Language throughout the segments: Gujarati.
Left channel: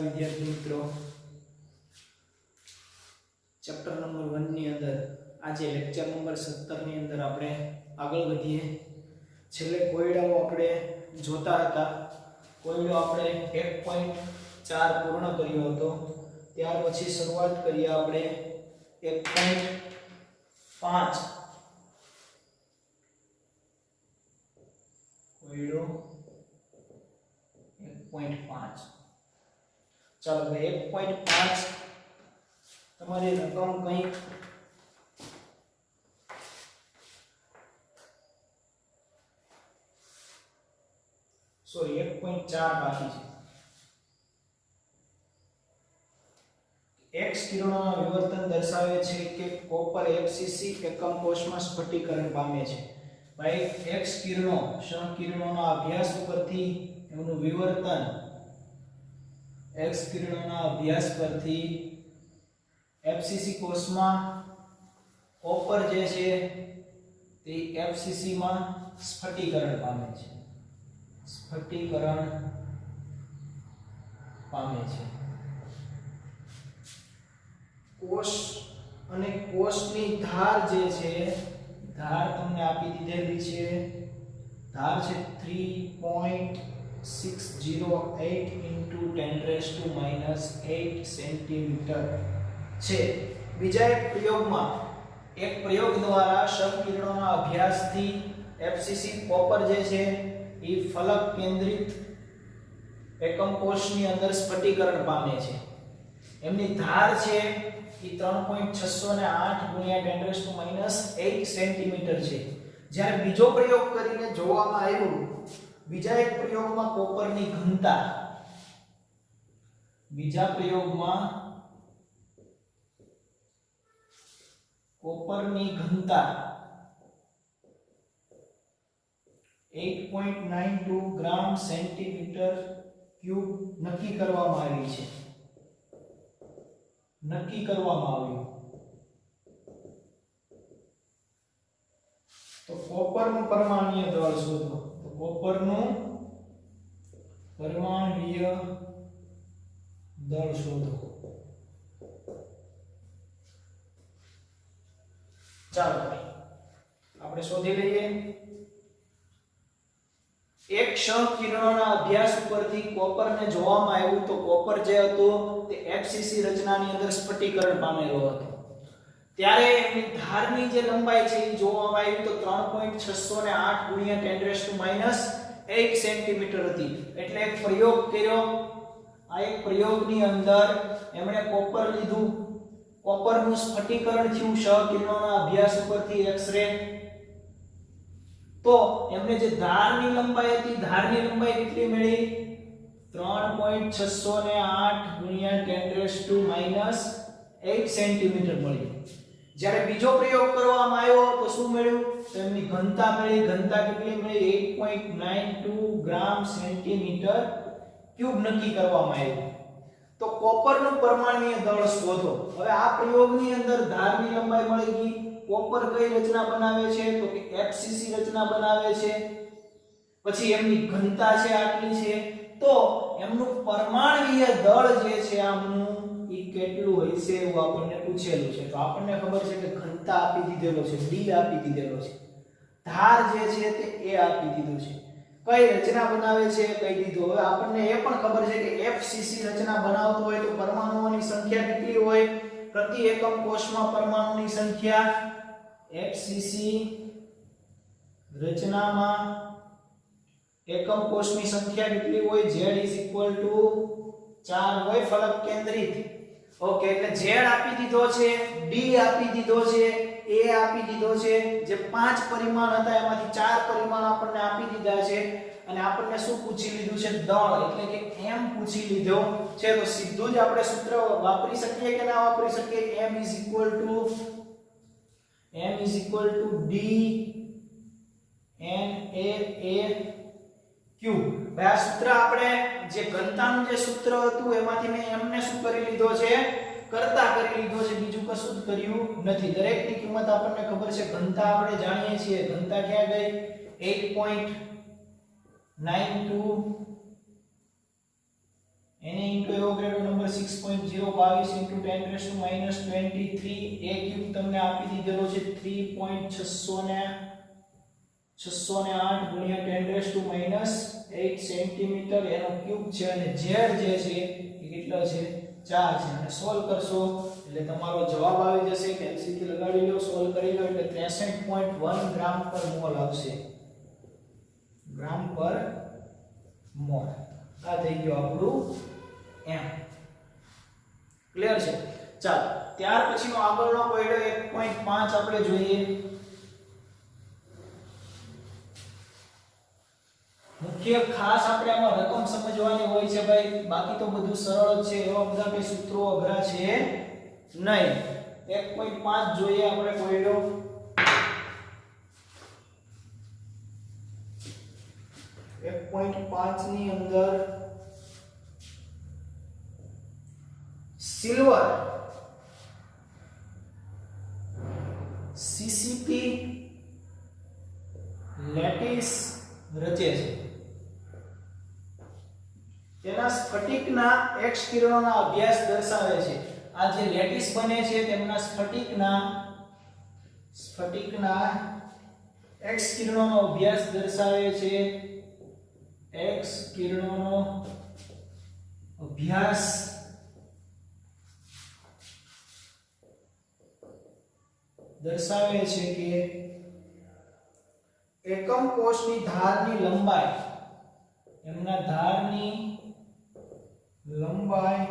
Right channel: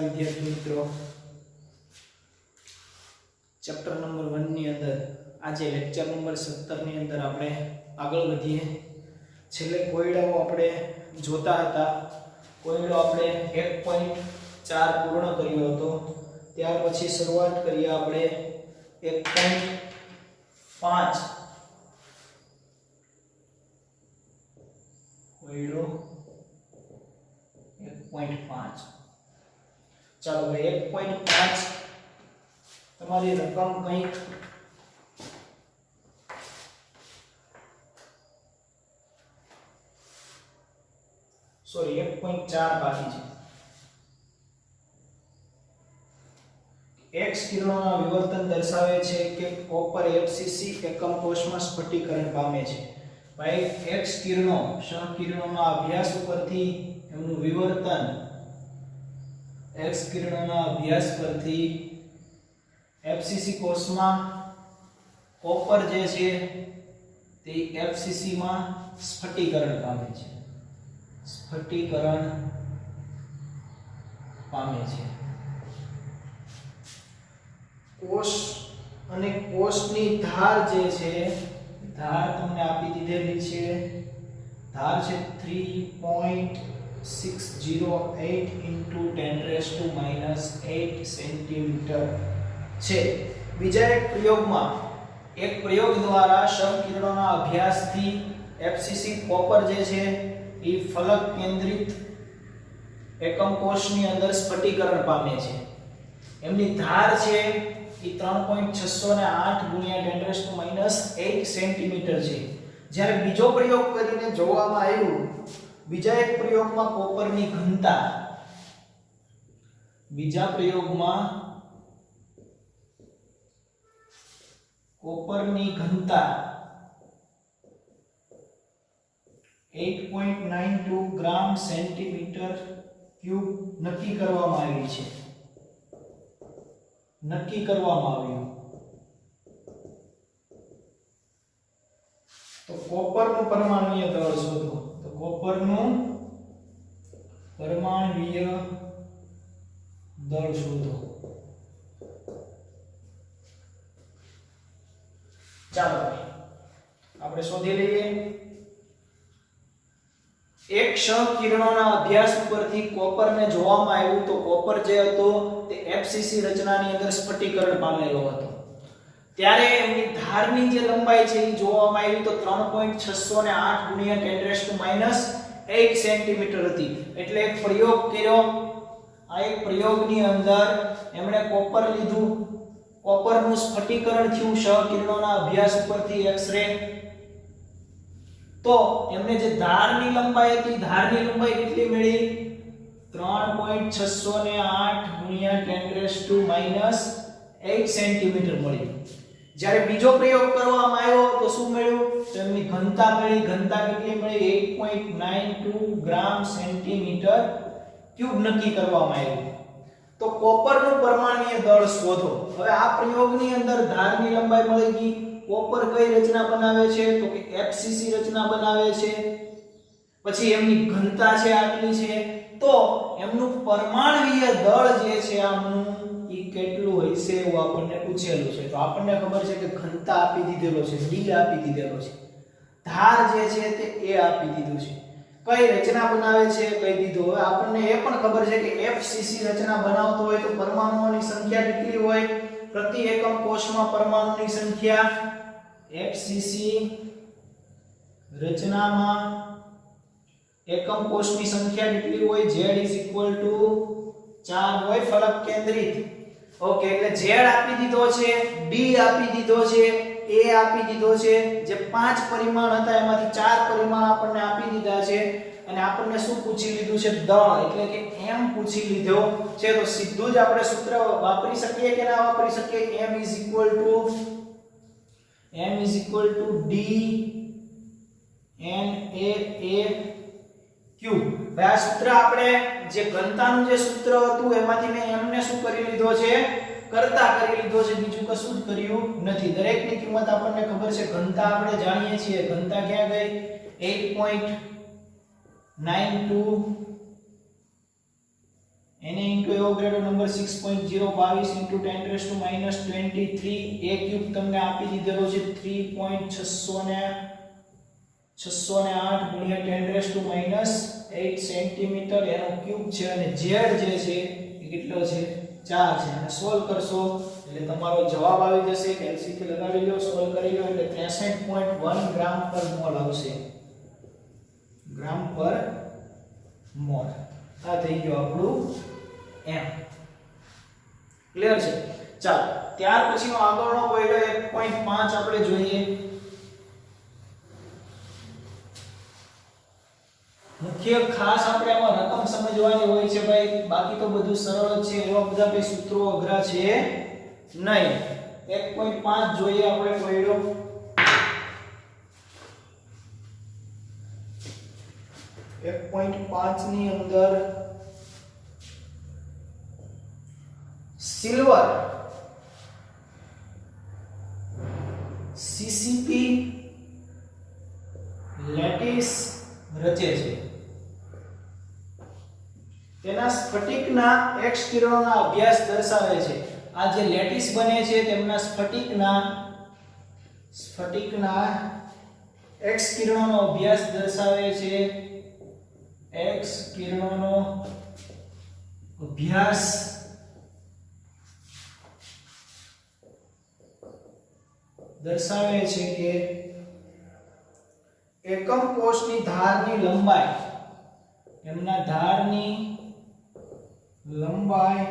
નમસ્કાર વિદ્યાર્થી મિત્રો, ચેપ્ટર નંબર 1 ની અંદર આજે લેક્ચર નંબર 17 ની અંદર આપણે આગળ વધીએ. છેલ્લે કોયડાઓ આપણે જોતા હતા. કોયડો આપણે 1.4 પૂર્ણ કર્યો હતો. ત્યાર પછી શરૂઆત કરીએ આપણે 1.5 કોયડો 1.5. ચાલો ભાઈ 1.5 તમારી રકમ કંઈક સોરી 1.4 બાકી છે. x કિરણોના વિવર્તન દર્શાવે છે કે કોપર FCC એકમ કોષમાં સ્ફટિકરણ પામે છે. ભાઈ x કિરણો સહકિરણોના અભ્યાસ ઉપરથી એમનું વિવર્તન x કિરણોના અભ્યાસ પરથી FCC કોષમાં કોપર જે છે તે FCC માં સ્ફટિકરણ પામે છે. સ્ફટિકરણ પામે છે. કોષ અને કોષની ધાર જે છે, ધાર તમને આપી દીધેલી છે. ધાર છે 3.608 × 10⁻⁸ સેન્ટીમીટર છે. બીજા એક પ્રયોગ દ્વારા સહકિરણોના અભ્યાસથી FCC કોપર જે છે એ ફલક કેન્દ્રિત એકમ કોષની અંદર સ્ફટિકરણ પામે છે. એમની ધાર છે એ 3.608 × 10⁻⁸ સેન્ટીમીટર છે. જ્યારે બીજો પ્રયોગ કરીને જોવામાં આવ્યું, બીજા એક પ્રયોગમાં કોપરની ઘનતા, બીજા પ્રયોગમાં કોપરની ઘનતા 8.92 ગ્રામ સેન્ટીમીટર ક્યુબ નક્કી કરવામાં આવી છે. નક્કી કરવામાં આવ્યું. તો કોપરનું પરમાણુય દળ શોધો. તો કોપરનું પરમાણુય દળ શોધો. ચાલો આપણે શોધી લઈએ. એક સહકિરણોના અભ્યાસ ઉપરથી કોપરને જોવામાં આવ્યું તો કોપર જે હતો તે FCC રચનાની અંદર સ્ફટિકરણ પામેલો હતો. ત્યારે એમની ધારની જે લંબાઈ છે એ જોવામાં આવી તો 3.608 × 10⁻⁸ સેન્ટીમીટર હતી. એટલે એક પ્રયોગ કર્યો. આ એક પ્રયોગની અંદર એમણે કોપર લીધું. કોપરનું સ્ફટિકરણ થયું સહકિરણોના અભ્યાસ ઉપરથી એક્સ-રે. તો એમને જે ધારની લંબાઈ હતી, ધારની લંબાઈ કેટલી મળી? 3.608 × 10⁻⁸ સેન્ટીમીટર મળી. જ્યારે બીજો પ્રયોગ કરવામાં આવ્યો તો શું મળ્યું? તો એમની ઘનતા મળી. ઘનતા કેટલી મળી? 8.92 ગ્રામ સેન્ટીમીટર ક્યુબ નક્કી કરવામાં આવ્યું. તો કોપરનું પરમાણુય દળ શોધો. હવે આ પ્રયોગની અંદર ધારની લંબાઈ મળી ગઈ. કોપર કઈ રચના બનાવે છે? તો કે FCC રચના બનાવે છે. પછી એમની ઘનતા છે આટલી છે. તો એમનું પરમાણુય દળ જે છે આમનું ઈ કેટલું હોય છે એવું આપણને પૂછેલું છે. તો આપણને ખબર છે કે ઘનતા આપી દીધેલો છે, D આપી દીધેલો છે. ધાર જે છે તે A આપી દીધું છે. કઈ રચના બનાવે છે કહી દીધું. હવે આપણને એ પણ ખબર છે કે FCC રચના બનાવતો હોય તો પરમાણુઓની સંખ્યા કેટલી હોય? પ્રતિ એકમ કોષમાં પરમાણુની સંખ્યા FCC રચનામાં એકમ કોષની સંખ્યા કેટલી હોય? Z = 4 હોય ફલક કેન્દ્રિત. ઓકે, એટલે Z આપી દીધો છે, D આપી દીધો છે, A આપી દીધો છે. જે 5 પરિમાણ હતા એમાંથી 4 પરિમાણ આપણને આપી દીધા છે. અને આપણને શું પૂછી લીધું છે? દળ, એટલે કે m પૂછી લીધો છે. તો સીધું જ આપણે સૂત્ર વાપરી શકીએ કે ના વાપરી શકીએ? m = D NaA Q. આ સૂત્ર આપણે જે ઘનતાનું જે સૂત્ર હતું એમાંથી મેં m ને શું કરી લીધો છે? કરતા કરી લીધો છે. બીજું કશું જ કર્યું નથી. દરેકની કિંમત આપણને ખબર છે. ઘનતા આપણે જાણીએ છીએ. ઘનતા ક્યાં ગઈ? 8.92 એને into Avogadro number 6.022 into 10⁻23 a cube તમને આપી દીધેલો છે 3.608 ગુણ્યા 10⁻8 સેન્ટીમીટર એનો ક્યુબ છે અને z જે છે એ કેટલો છે 4 છે અને સોલ્વ કરશો એટલે તમારો જવાબ આવી જશે કેલ્સીથી લગાડી લો સોલ્વ કરી લો એટલે 63.1 ગ્રામ પર મોલ આવશે ગ્રામ પર મોલ આ થઈ ગયો આપણું એમ ક્લિયર છે ચાલો ત્યાર પછીનો આગળનો કોયડો 1.5 આપણે જોઈએ મુખ્ય ખાસ આપણે આમાં રકમ સમજવાની હોય છે ભાઈ બાકી તો બધું સરળ છે એવા બધા બે સૂત્રો અઘરા છે નહીં 1.5 જોઈએ આપણે કોયડો 1.5 ની અંદર સિલ્વર સીસીપી લેટિસ રચે છે તેના સ્ફટિકના એક્સ કિરણોના અભ્યાસ દર્શાવે છે આ જે લેટિસ બને છે તેમના સ્ફટિકના એક્સ કિરણોનો અભ્યાસ દર્શાવે છે એક્સ કિરણોનો અભ્યાસ દર્શાવે છે કે એકમ કોષની ધારની લંબાઈ એમના ધારની લંબાઈ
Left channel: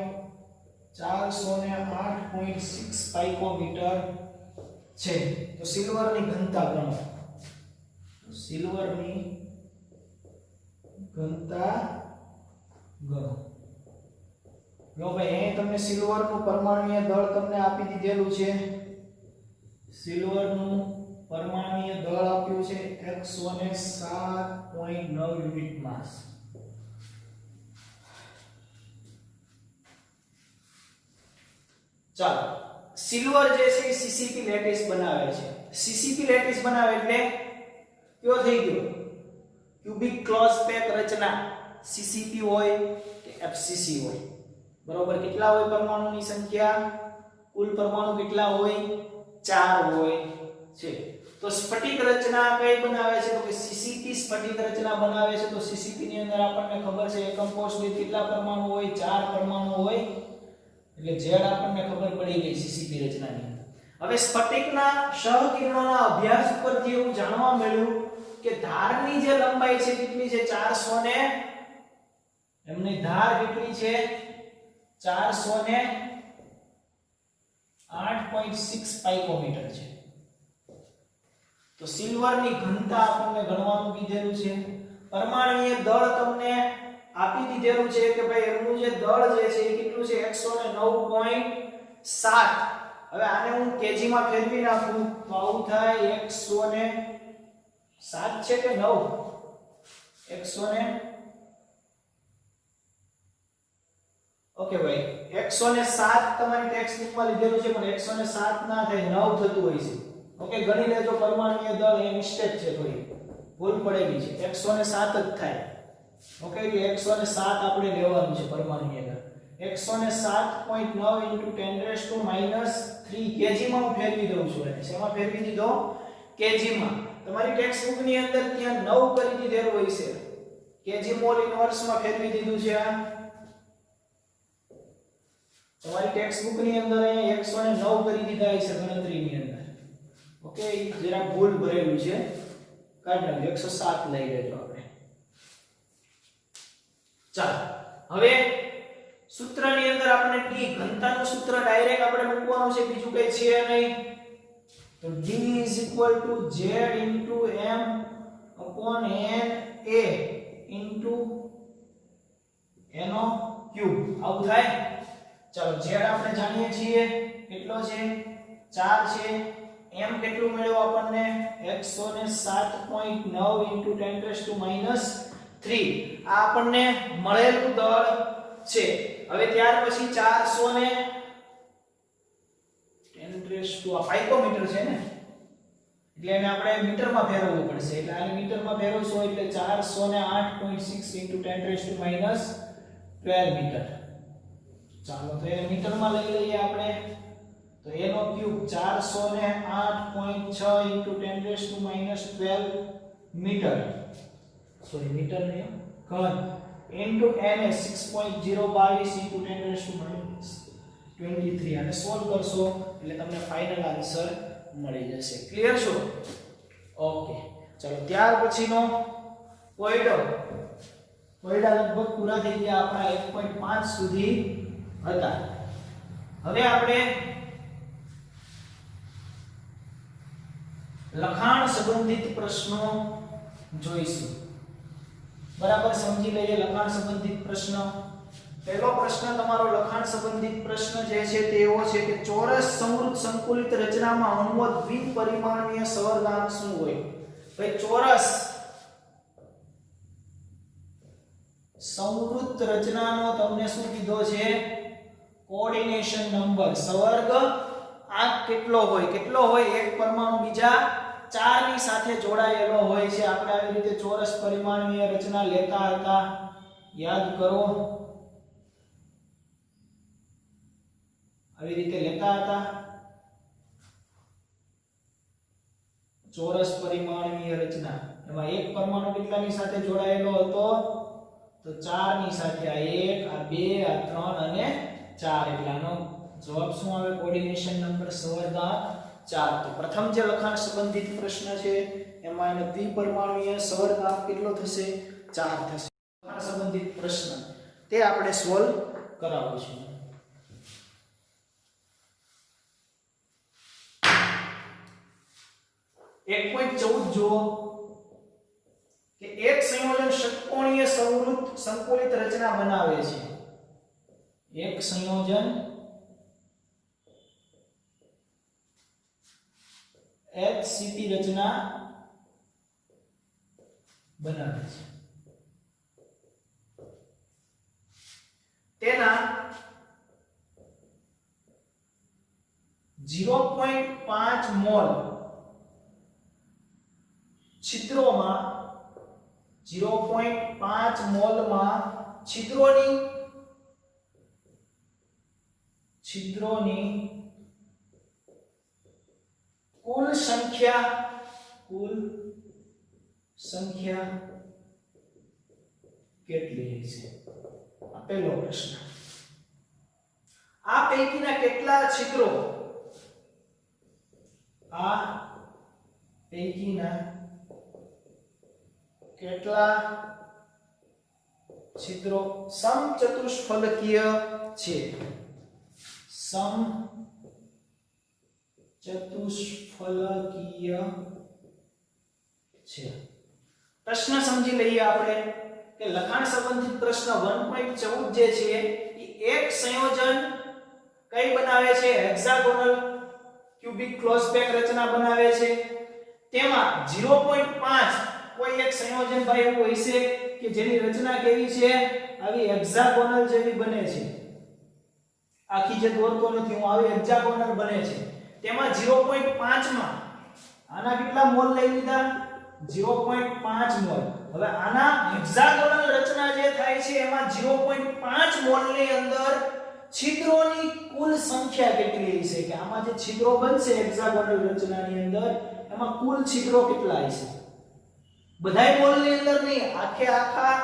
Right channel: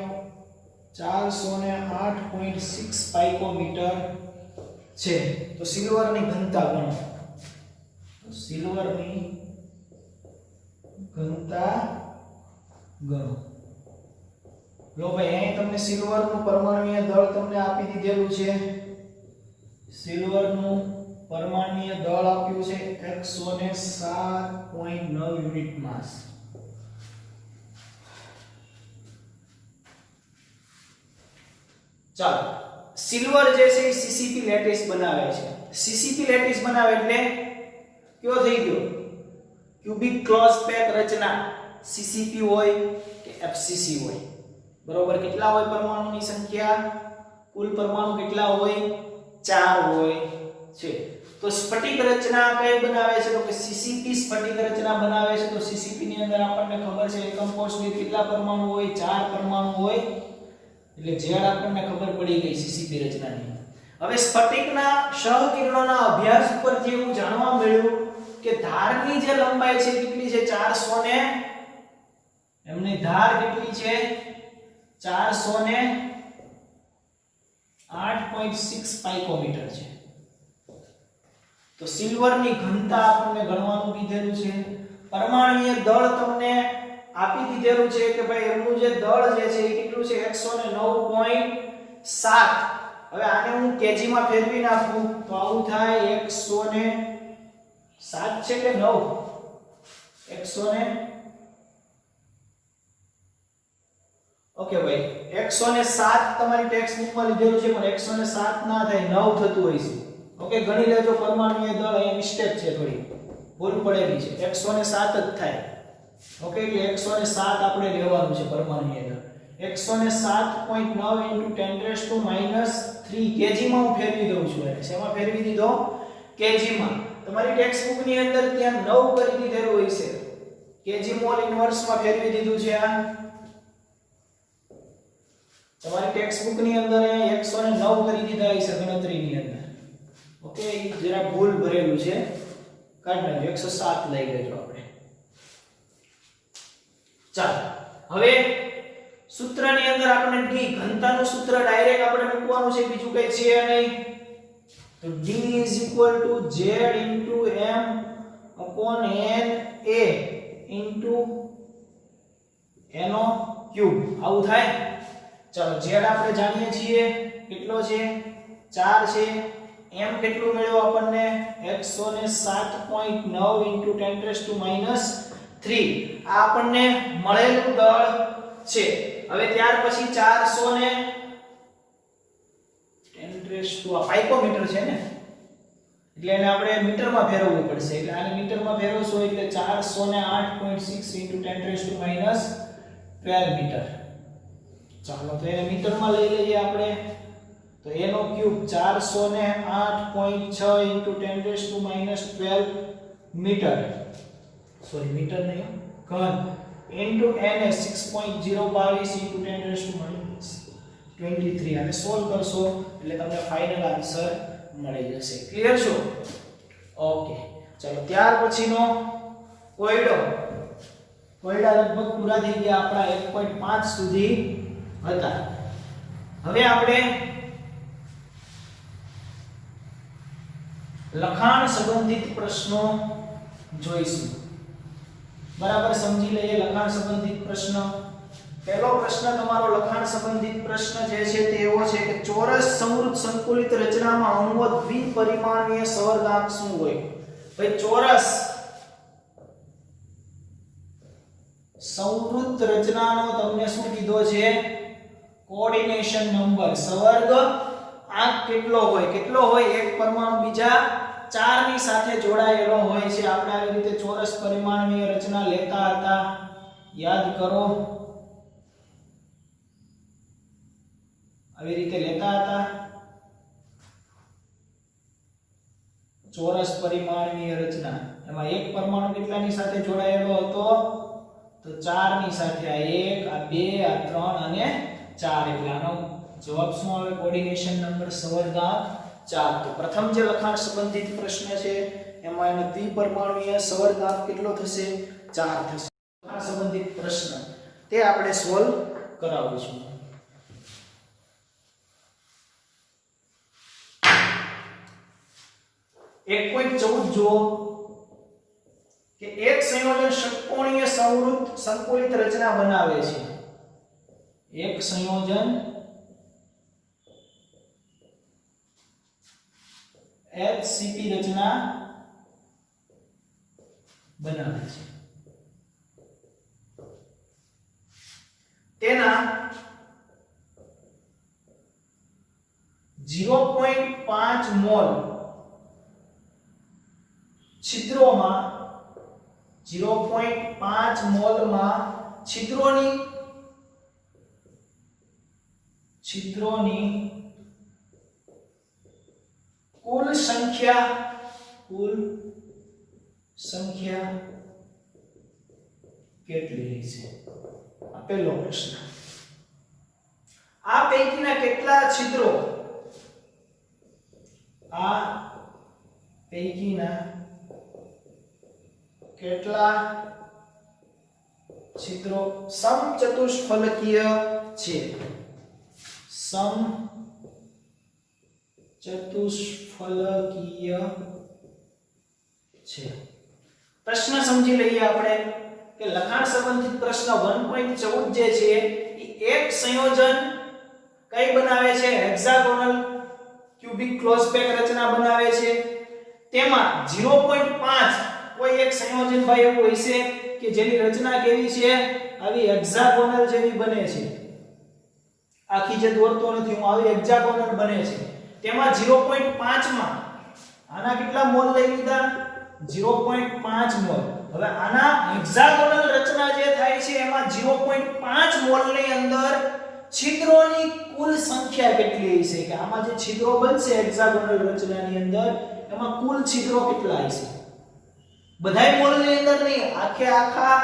408.6 પાઇકોમીટર છે તો સિલ્વરની ઘનતા ગણો સિલ્વરની ઘનતા ગણો લો ભાઈ અહીં તમને સિલ્વરનું પરમાણુય દળ તમને આપી દીધેલું છે સિલ્વરનું પરમાણુય દળ આપ્યું છે 107.9 યુનિટ માસ ચાલો સિલ્વર જે છે એ સીસીપી લેટિસ બનાવે છે સીસીપી લેટિસ બનાવે એટલે કયો થઈ ગયો ક્યુબિક ક્લોઝ પેક રચના સીસીપી હોય કે એફસીસી હોય બરોબર કેટલા હોય પરમાણુની સંખ્યા કુલ પરમાણુ કેટલા હોય 4 હોય છે તો સ્ફટિક રચના કઈ બનાવે છે તો કે સીસીપી સ્ફટિક રચના બનાવે છે તો સીસીપી ની અંદર આપણને ખબર છે એકમ કોષની કેટલા પરમાણુ હોય 4 પરમાણુ હોય એટલે ઝેડ આપણને ખબર પડી ગઈ સીસીપી રચનાની હવે સ્ફટિકના સહકિરણોના અભ્યાસ ઉપરથી એવું જાણવા મળ્યું કે ધારની જે લંબાઈ છે કેટલી છે 400 ને એમની ધાર કેટલી છે 408.6 પાઇકોમીટર છે તો સિલ્વરની ઘનતા આપણને ગણવાનું કીધેલું છે પરમાણુય દળ તમને આપી દીધેલું છે કે ભાઈ એમનું જે દળ જે છે એ કેટલું છે 109.7 હવે આને હું કેજી માં ફેરવી નાખું તો આવું થાય 107 છે કે 9 100 ઓકે ભાઈ 107 તમારી ટેક્સ્ટ બુકમાં લીધેલું છે પણ 107 ના થાય 9 થતું હોય છે ઓકે ગણી લેજો પરમાણુય દળ અહીં મિસ્ટેક છે થોડી ભૂલ પડેલી છે 107 જ થાય ઓકે એટલે 107 આપણે લેવાનું છે પરમાણુય દળ 107.9 × 10⁻³ કેજી માં હું ફેરવી દઉં છું એટલે શેમાં ફેરવી દીધો કેજી માં તમારી ટેક્સ્ટ બુક ની અંદર ત્યાં 9 કરી દીધેલું હોય છે કેજી મોલ ઇન્વર્સ માં ફેરવી દીધું છે આ તમારી ટેક્સ્ટ બુક ની અંદર અહીંયા 109 કરી દીધા છે ગણતરીની અંદર ઓકે એ જરા ભૂલ ભરેલું છે કાઢ નાખજો 107 લઈ લેજો આપણે ચાલો હવે સૂત્રની અંદર આપણે d ઘનતાનું સૂત્ર ડાયરેક્ટ આપણે મૂકવાનું છે બીજું કઈ છે નહીં તો d = z * m/n a નો ક્યુબ આવું થાય ચાલો z આપણે જાણીએ છીએ કેટલો છે 4 છે m કેટલું મળ્યો આપણને 107.9 × 10⁻³ આ આપણને મળેલું દળ છે હવે ત્યાર પછી 400 ને 10⁻² આ પાઇકોમીટર છે ને એટલે એને આપણે મીટરમાં ફેરવવું પડશે એટલે આને મીટરમાં ફેરવશો એટલે 408.6 × 10⁻12 મીટર ચાલો તો એને મીટરમાં લઈ લઈએ આપણે. તો a નો ક્યુબ 408.6 * 10⁻12 મીટર, સોરી મીટર નહીં ઘન, ઇન્ટુ n 6.022 * 10⁻23. આને સોલ્વ કરશો એટલે તમને ફાઇનલ આન્સર મળી જશે. ક્લિયર છો? ઓકે, ચલો ત્યાર પછીનો કોયડા લગભગ પૂરા થઈ ગયા આપણા 1.5 સુધી હતા. હવે આપણે લખાણ સંબંધિત પ્રશ્નો જોઈશું. બરાબર સમજી લઈએ લખાણ સંબંધિત પ્રશ્ન. પહેલો પ્રશ્ન તમારો લખાણ સંબંધિત પ્રશ્ન જે છે તે એવો છે કે ચોરસ સંવૃત સંકુલિત રચનામાં અણુઓ દ્વિપરિમાણીય સવર્ગાંક શું હોય? ભાઈ ચોરસ સંવૃત રચનાનો તમને શું કીધો છે? કોઓર્ડિનેશન નંબર, સવર્ગ આંક કેટલો હોય? કેટલો હોય? એક પરમાણુ બીજા 4 ની સાથે જોડાયેલો હોય છે. આપણે આવી રીતે ચોરસ પરિમાણીય રચના લેતા હતા, યાદ કરો. આવી રીતે લેતા હતા ચોરસ પરિમાણીય રચના. એમાં એક પરમાણુ કેટલાની સાથે જોડાયેલો હતો? તો 4 ની સાથે. આ 1, આ 2, આ 3 અને 4. એટલે આનો જવાબ શું આવે? કોઓર્ડિનેશન નંબર સવર્ગાંક 4. તો પ્રથમ જે લખાણ સંબંધિત પ્રશ્ન છે એમાં એનો દ્વિપરિમાણીય સવર્ગાંક કેટલો થશે? 4 થશે. લખાણ સંબંધિત પ્રશ્ન તે આપણે સોલ્વ કરાવીશું. 1.14 જુઓ કે એક સંયોજન ષટકોણીય સંવૃત સંકુલિત રચના બનાવે છે. એક સંયોજન HCP રચના બનાવે છે. તેના 0.5 મોલ છિદ્રોમાં 0.5 મોલમાં છિદ્રોની કુલ સંખ્યા કેટલી છે? આ પહેલો પ્રશ્ન. આ પૈકીના કેટલા છિદ્રો? આ પૈકીના કેટલા છિદ્રો સમચતુષ્ફલકીય છે? સમચતુષ્ફલકીય છે. પ્રશ્ન સમજી લઈએ આપણે કે લખાણ સંબંધિત પ્રશ્ન 1.14 જે છે એ એક સંયોજન કઈ બનાવે છે? હેક્સાગોનલ ક્યુબિક ક્લોઝ પેક રચના બનાવે છે. તેમાં 0.5 કોઈ એક સંયોજન ભાઈ એવું હોય છે કે જેની રચના કેવી છે? આવી હેક્સાગોનલ જેવી બને છે. આખી જે દોરતો નથી હું, આવી હેક્સાગોનલ બને છે. તેમાં 0.5 માં આના કેટલા મોલ લઈ લીધા? 0.5 મોલ. હવે આના હેક્સાગોનલ રચના જે થાય છે એમાં 0.5 મોલ ની અંદર છિદ્રોની કુલ સંખ્યા કેટલી હશે? કે આમાં જે છિદ્રો બનશે હેક્સાગોનલ રચનાની અંદર એમાં કુલ છિદ્રો કેટલા હશે? બધાય મોલ ની અંદર નહીં, આખા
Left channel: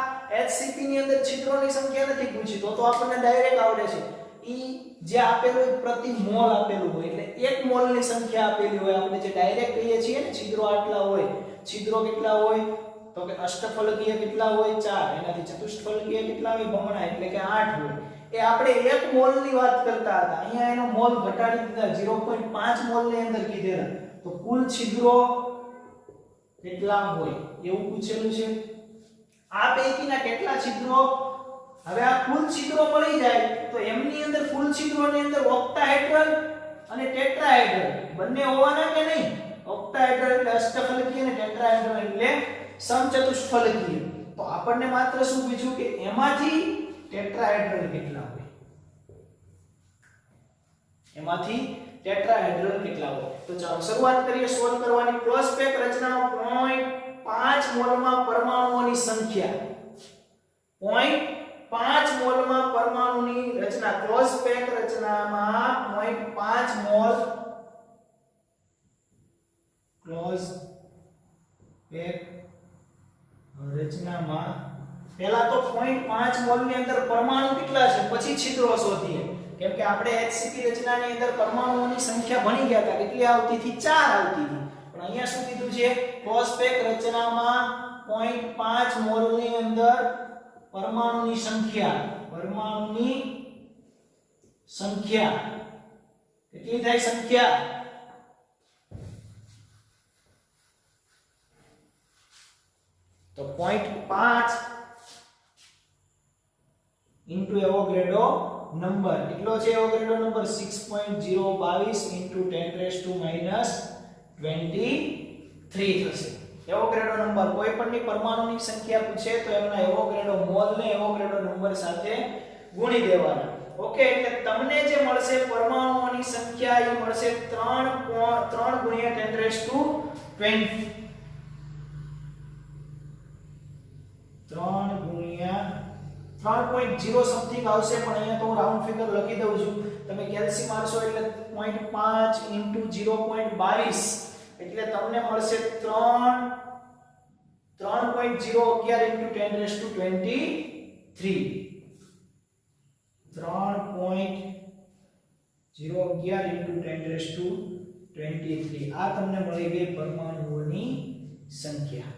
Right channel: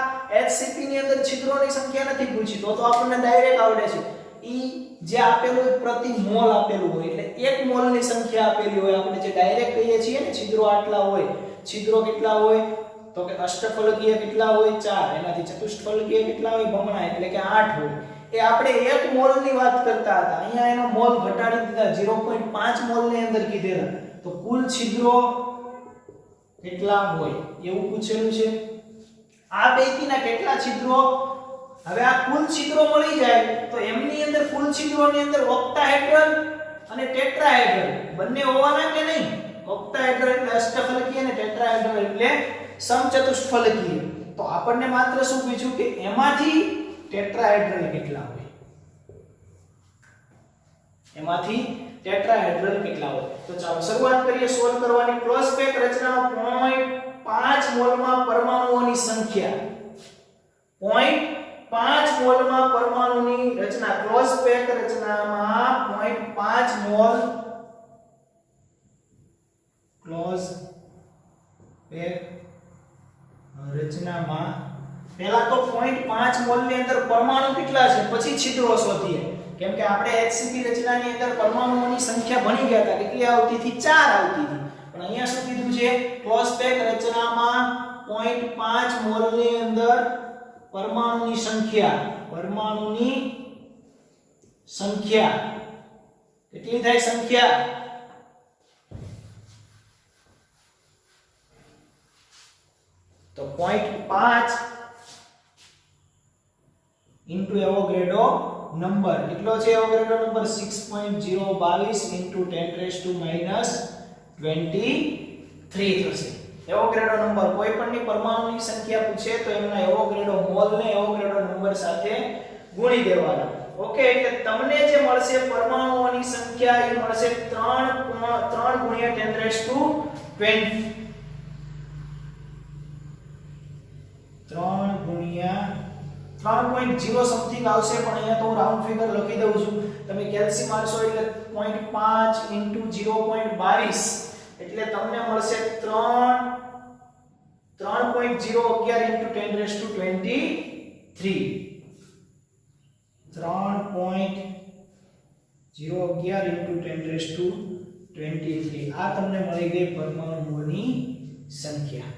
HCP ની અંદર છિદ્રોની સંખ્યા નથી પૂછી. તો આપણને ડાયરેક્ટ આવડે છે. ઈ જે આપેલું પ્રતિ મોલ આપેલું હોય એટલે એક મોલ ની સંખ્યા આપેલી હોય. આપણે જે ડાયરેક્ટ કહીએ છીએ ને છિદ્રો આટલા હોય. છિદ્રો કેટલા હોય? તો કે અષ્ટફલકીય કેટલા હોય? 4. એનાથી ચતુષ્ફલકીય કેટલા હોય? બમણા એટલે કે 8 હોય. એ આપણે એક મોલ ની વાત કરતા હતા. અહીંયા એનો મોલ ઘટાડી દીધા, 0.5 મોલ ની અંદર કીધેલા. તો કુલ છિદ્રો કેટલા હોય એવું પૂછેલું છે. આ પૈકીના કેટલા છિદ્રો? હવે આ કુલ છિદ્રો મળી જાય તો એમની અંદર કુલ છિદ્રોની અંદર ઓક્ટાહેડ્રલ અને ટેટ્રાહેડ્રલ બંને હોવાના કે નહીં? ઓક્ટાહેડ્રલ એટલે અષ્ટફલકીય અને ટેટ્રાહેડ્રલ એટલે સમચતુષ્ફલકીય. તો આપણને માત્ર શું પૂછ્યું કે એમાંથી ટેટ્રાહેડ્રલ કેટલા હોય? એમાંથી ટેટ્રાહેડ્રલ કેટલા હોય? તો ચાલો શરૂઆત કરીએ સોલ્વ કરવાની. ક્લોઝ પેક રચનાનો 0.5 મોલમાં પરમાણુઓની સંખ્યા 0.5 મોલમાં પરમાણુની રચના ક્લોઝ પેક રચનામાં 0.5 મોલ ક્લોઝ પેક રચનામાં પહેલા તો 0.5 મોલ ની અંદર પરમાણુ કેટલા છે પછી છિદ્રો શોધીએ કેમ કે આપણે HCP રચનાની અંદર પરમાણુઓની સંખ્યા ભણી ગયા હતા કેટલી આવતી હતી 4 આવતી હતી પણ અહીંયા શું કીધું છે ક્લોઝ પેક રચનામાં 0.5 મોલ ની અંદર પરમાણુની સંખ્યા કેટલી થાય સંખ્યા તો 0.5 into એવોગાડ્રો નંબર કેટલો છે એવોગાડ્રો નંબર 6.022 into 10⁻23 થશે એવોગાડ્રો નંબર કોઈ પણની પરમાણુની સંખ્યા પૂછે તો એના એવોગાડ્રો મોલ ને એવોગાડ્રો નંબર સાથે ગુણી દેવાના ઓકે એટલે તમને જે મળશે પરમાણુઓની સંખ્યા એ મળશે 3 ગુણ્યા 10⁻20 3 ગુણ્યા 3.0 સમથિંગ આવશે પણ અહીંયા તો હું રાઉન્ડ ફિગર લખી દઉં છું તમે કેલ્સી મારશો એટલે 0.5 into 0.22 એટલે તમને મળશે 3.011 into 10⁻23 3.011 into 10⁻23 આ તમને મળી ગઈ પરમાણુઓની સંખ્યા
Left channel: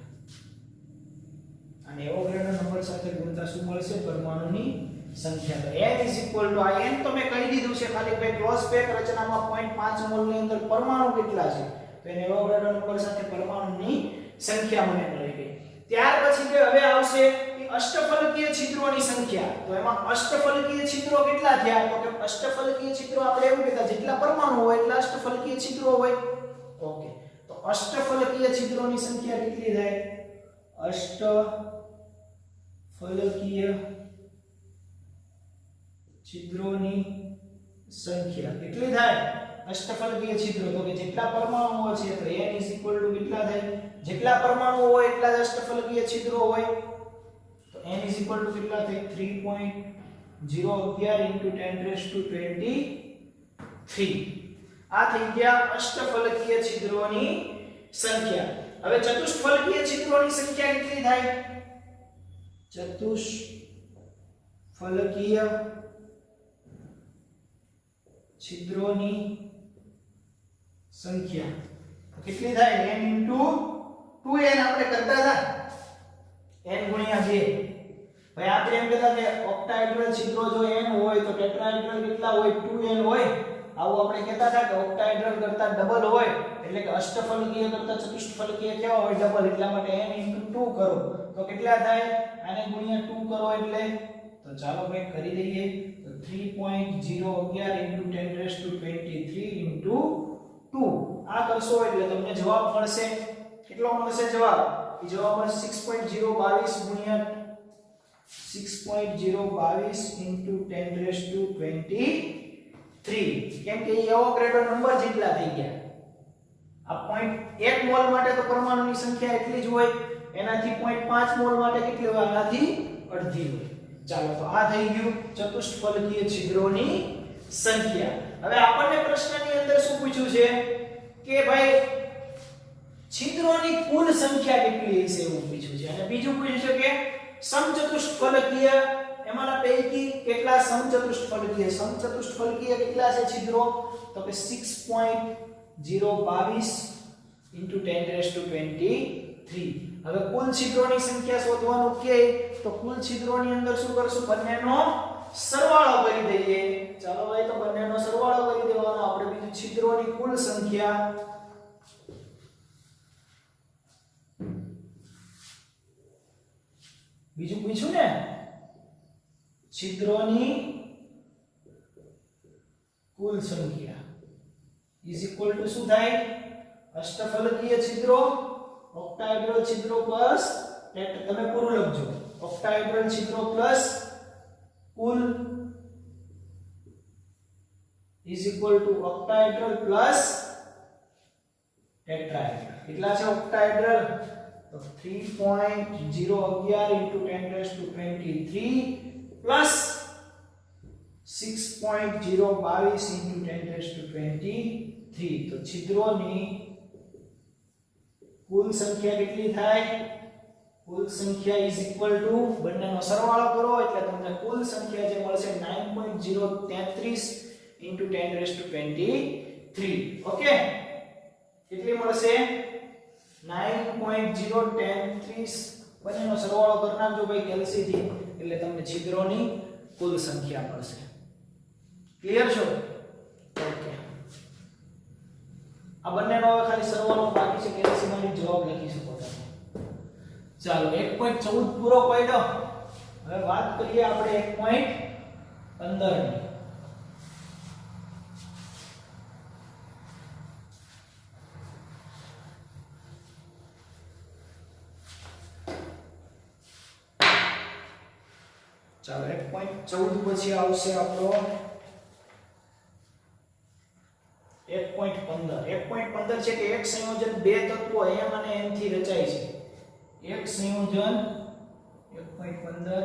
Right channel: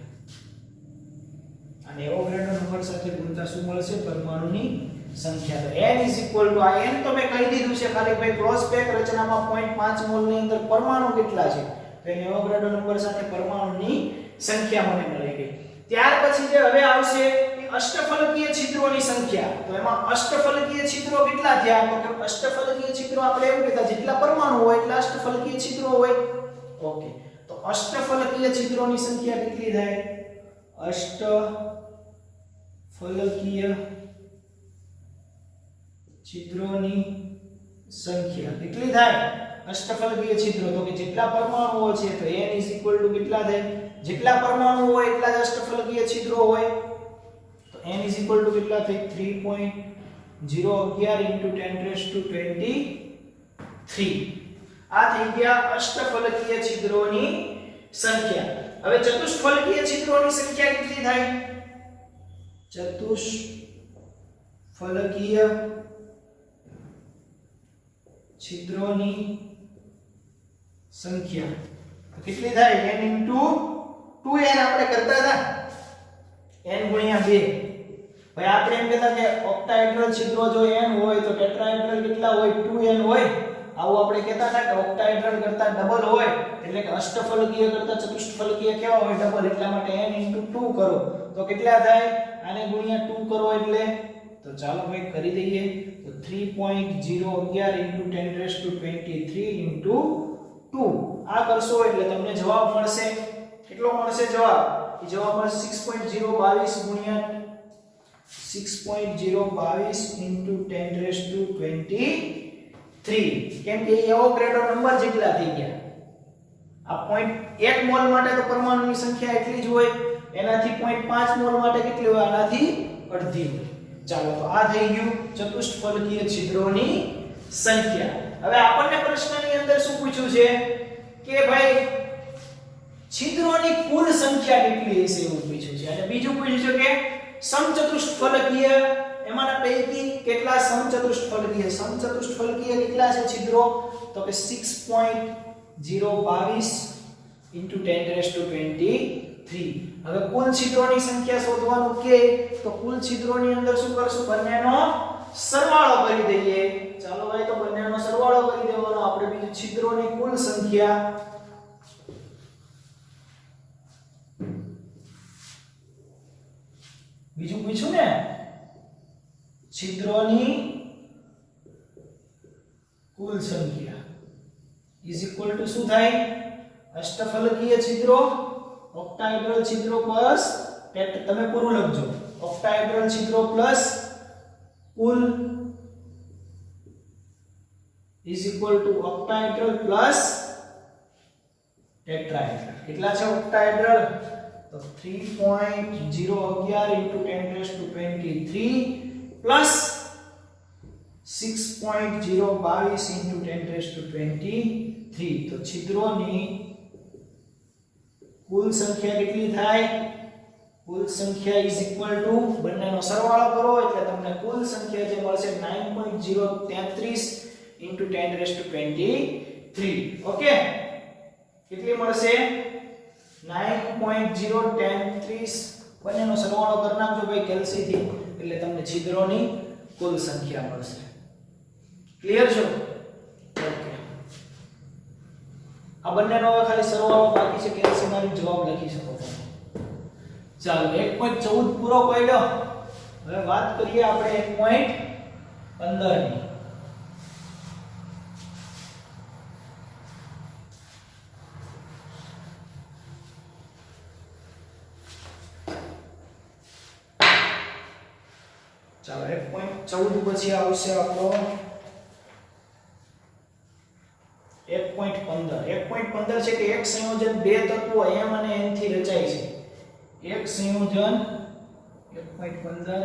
અને એવોગાડ્રો નંબર સાથે ગુણતા શું મળશે પરમાણુની સંખ્યા તો n આ n તમે કહી દીધું છે ખાલી ભાઈ ક્લોઝ પેક રચનામાં 0.5 મોલ ની અંદર પરમાણુ કેટલા છે તો એને એવોગાડ્રો નંબર સાથે પરમાણુની સંખ્યા મને મળી ગઈ ત્યાર પછી જે હવે આવશે એ અષ્ટફલકીય છિદ્રોની સંખ્યા તો એમાં અષ્ટફલકીય છિદ્રો કેટલા થયા તો કે અષ્ટફલકીય છિદ્રો આપણે એવું કહેતા જેટલા પરમાણુ હોય એટલા અષ્ટફલકીય છિદ્રો હોય ઓકે તો અષ્ટફલકીય છિદ્રોની સંખ્યા કેટલી થાય અષ્ટફલકીય છિદ્રોની સંખ્યા કેટલી થાય અષ્ટફલકીય છિદ્રો તો કે જેટલા પરમાણુઓ છે તો n કેટલા થાય જેટલા પરમાણુ હોય એટલા જ અષ્ટફલકીય છિદ્રો હોય તો n કેટલા થાય 3.011 into 10⁻23 આ થઈ ગયા અષ્ટફલકીય છિદ્રોની સંખ્યા હવે ચતુષ્ફલકીય છિદ્રોની સંખ્યા કેટલી થાય ચતુષ્ફલકીય છિદ્રોની સંખ્યા કેટલી થાય n into 2n આપણે કરતા હતા n ગુણ્યા 2 ભાઈ આપણે એમ કહેતા કે ઓક્ટાહેડ્રલ છિદ્રો જો n હોય તો ટેટ્રાહેડ્રલ કેટલા હોય 2n હોય આવું આપણે કહેતા હતા કે ઓક્ટાહેડ્રલ કરતા ડબલ હોય એટલે કે અષ્ટફલકીય કરતા ચતુષ્ફલકીય કેવા હોય ડબલ એટલા માટે n into 2 કરો તો કેટલા થાય આને ગુણ્યા 2 કરો એટલે તો ચાલો મેં કરી દઈએ તો 3.011 into 10⁻23 into 2 આ કરશો એટલે તમને જવાબ મળશે કેટલો મળશે જવાબ એ જવાબ મળશે 6.022 ગુણ્યા 6.022 into 10⁻23 કેમ કે એવોગાડ્રો નંબર જેટલા થઈ ગયા આ 1 મોલ માટે તો પરમાણુની સંખ્યા એટલી જ હોય એનાથી 0.5 મોલ માટે કેટલી હોય આનાથી અડધી હોય ચાલો તો આ થઈ ગયું ચતુષ્ફલકીય છિદ્રોની સંખ્યા હવે આપણને પ્રશ્નની અંદર શું પૂછ્યું છે કે ભાઈ છિદ્રોની કુલ સંખ્યા કેટલી હશે એવું પૂછ્યું છે અને બીજું પૂછ્યું છે કે સમચતુષ્ફલકીય એમાંના પૈકી કેટલા સમચતુષ્ફલકીય કેટલા છે છિદ્રો તો કે 6.022 into 10⁻23 હવે કુલ છિદ્રોની સંખ્યા શોધવાનું કે તો કુલ છિદ્રોની અંદર શું કરશું બંનેનો સરવાળો કરી દઈએ ચાલો ભાઈ તો બંનેનો સરવાળો કરી દેવાનો આપણે બીજું છિદ્રોની કુલ સંખ્યા બીજું પૂછ્યું ને છિદ્રોની કુલ સંખ્યા ઇઝ ઇક્વલ ટુ શું થાય અષ્ટફલકીય છિદ્રો ઓક્ટાહેડ્રલ છિદ્રો પ્લસ તમે પૂરું લખજો ઓક્ટાહેડ્રલ છિદ્રો પ્લસ કુલ is equal to octahedral plus tetrahedral કેટલા છે ઓક્ટાહેડ્રલ તો 3.011 into 10⁻23 પ્લસ 6.022 into 10⁻23 તો છિદ્રોની કુલ સંખ્યા કેટલી થાય? કુલ સંખ્યા ઇઝ ઇક્વલ ટુ બંનેનો સરવાળો કરો એટલે તમને કુલ સંખ્યા જે મળશે 9.033 into 10⁻23. ઓકે, કેટલી મળશે? 9.033. બંનેનો સરવાળો કરી નાખજો ભાઈ કેલ્સી થી એટલે તમને છિદ્રોની કુલ સંખ્યા મળશે. ક્લિયર છો? ઓકે, આ બંનેનો ખાલી સરવાળો બાકી છે, કેલ્સી મારી જવાબ લખી શકો તમે. ચાલો 1.14 પૂરો કર્યો. હવે વાત કરીએ આપણે 1.15 ની. ચાલો 1.14 પછી આવશે આપણો 1.15. 1.15 છે કે એક સંયોજન બે તત્વો m અને n થી રચાય છે. એક સંયોજન 1.15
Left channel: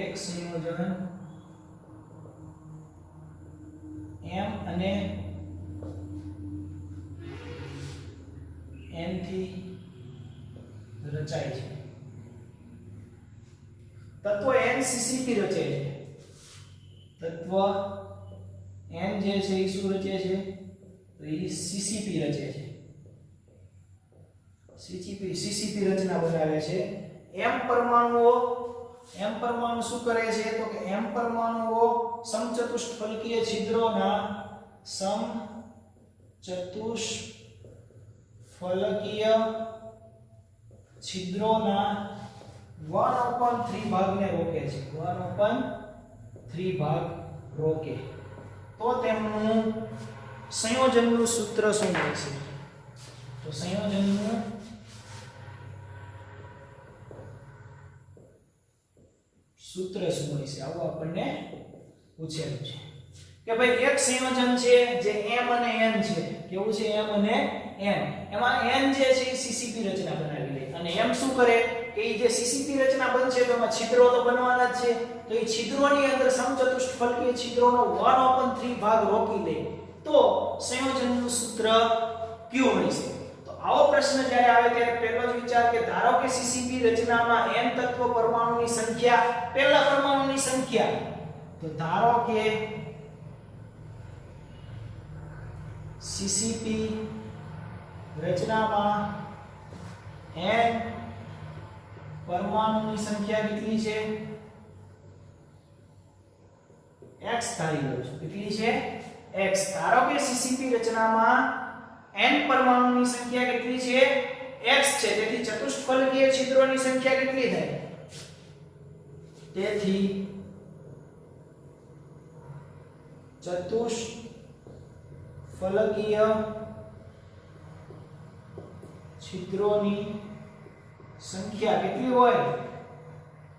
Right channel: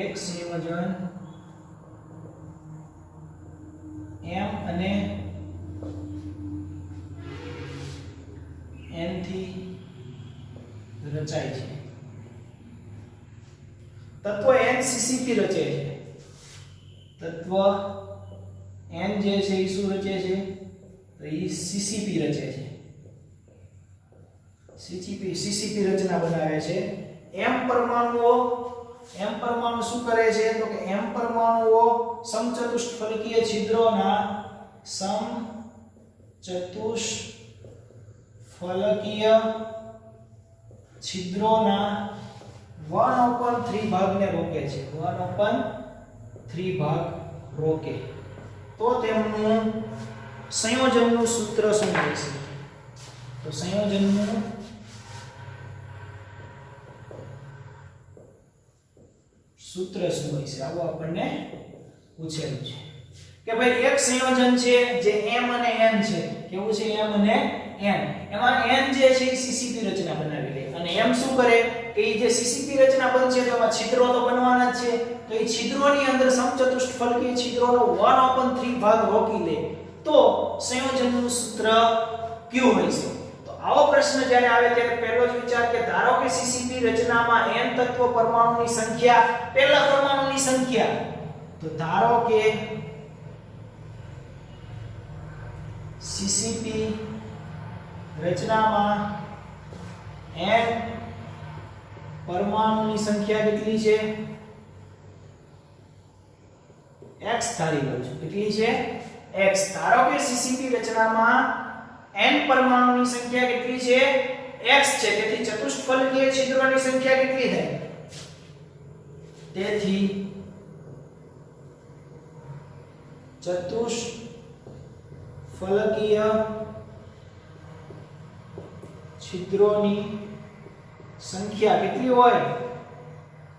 એક સંયોજન m અને n થી રચાય છે. તત્વ NCCP રચે છે. તત્વ n જે છે એ શું રચે છે? તો એ CCP રચે છે. CCP રચના બનાવે છે. m પરમાણુ શું કરે છે? તો કે m પરમાણુઓ સમચતુષ્ફલકીય છિદ્રોના છિદ્રોના 1/3 ભાગને રોકે છે. 1/3 ભાગ રોકે તો તેમનું સંયોજનનું સૂત્ર શું મળશે? તો સંયોજનનું સૂત્ર શું હોય છે? આવું આપણને પૂછેલું છે કે ભાઈ એક સંયોજન છે જે m અને n છે. કેવું છે? m અને n. એમાં n જે છે એ CCP રચના બનાવી લે અને m શું કરે કે એ જે CCP રચના બનશે તો એમાં છિદ્રો તો બનવાના જ છે. તો એ છિદ્રોની અંદર સમચતુષ્ફલકીય છિદ્રોનો 1/3 ભાગ રોકી લે તો સંયોજનનું સૂત્ર કયું હોય છે? તો આવો પ્રશ્ન જ્યારે આવે ત્યારે પહેલો જ વિચાર કે ધારો કે CCP રચનામાં n તત્વ પરમાણુની સંખ્યા પહેલા પરમાણુની સંખ્યા, તો ધારો કે CCP રચનામાં n પરમાણુની સંખ્યા કેટલી છે? x ધારી લઉં છું. કેટલી છે? x. ધારો કે CCP રચનામાં n પરમાણુની સંખ્યા કેટલી છે? x છે. તેથી ચતુષ્ફલકીય છિદ્રોની સંખ્યા કેટલી થાય? તેથી ચતુષ્ફલકીય છિદ્રોની સંખ્યા કેટલી હોય?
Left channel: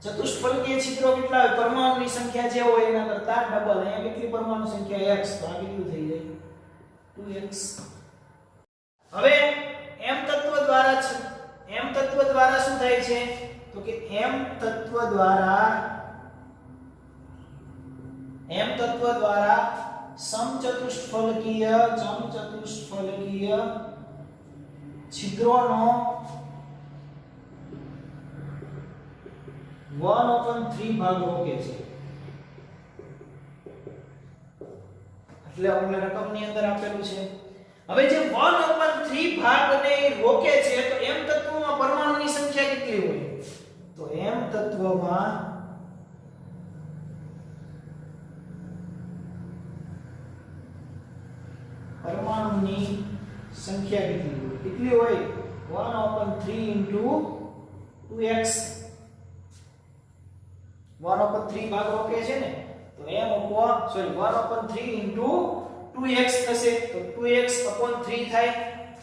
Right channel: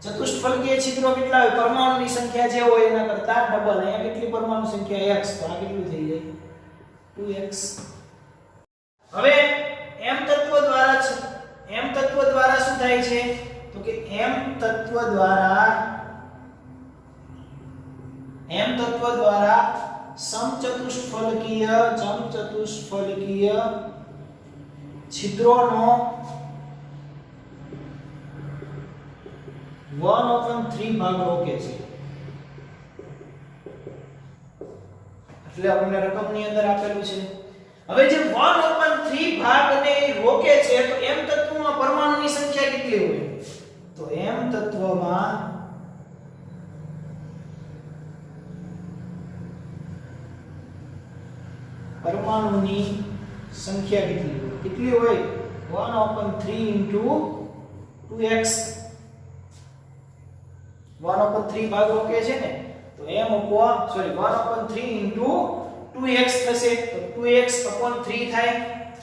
ચતુષ્ફલકીય છિદ્રો કેટલા હોય? પરમાણુની સંખ્યા જે હોય એના કરતા ડબલ. અહીંયા કેટલી પરમાણુ સંખ્યા? x. તો આ કેટલું થઈ જાય? 2x. હવે m તત્વ દ્વારા શું થાય છે? તો કે m તત્વ દ્વારા સમચતુષ્ફલકીય છિદ્રોનો 1/3 ભાગ રોકે છે. એટલે આપણને રકમની અંદર આપેલું છે. હવે જે 1/3 ભાગને રોકે છે તો m તત્વમાં પરમાણુની સંખ્યા કેટલી હોય? તો m તત્વમાં પરમાણુની સંખ્યા કેટલી હોય? કેટલી હોય? 1/3 into 2x. 1/3 ભાગ રોકે છે ને તો 1/3 into 2x થશે તો 2x/3 થાય.